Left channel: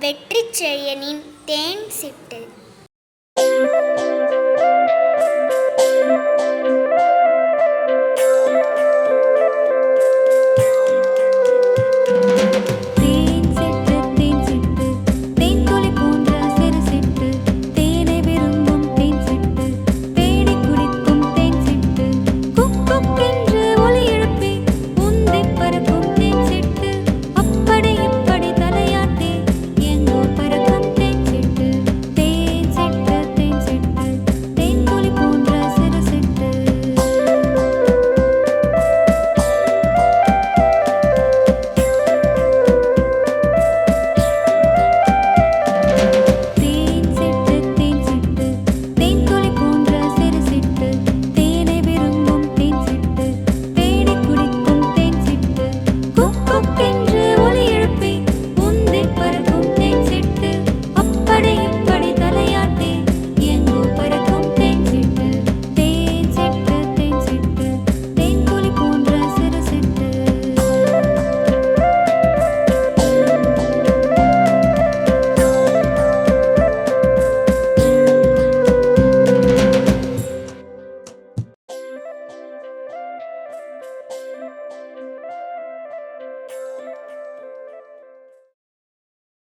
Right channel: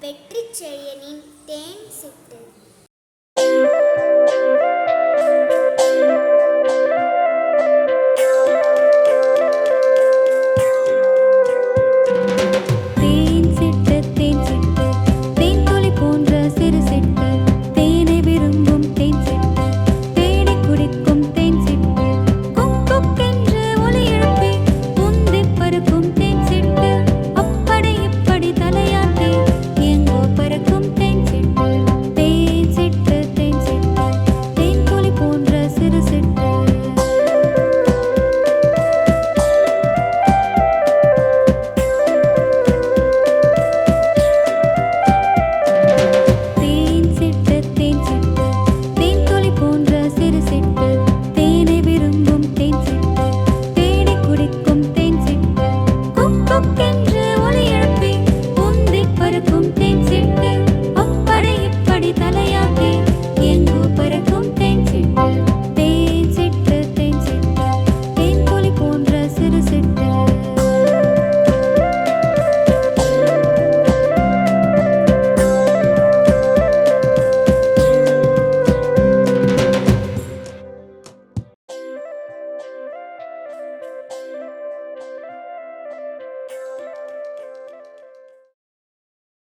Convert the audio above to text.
வெற்றி செழியனின் தேன் சிட்டு.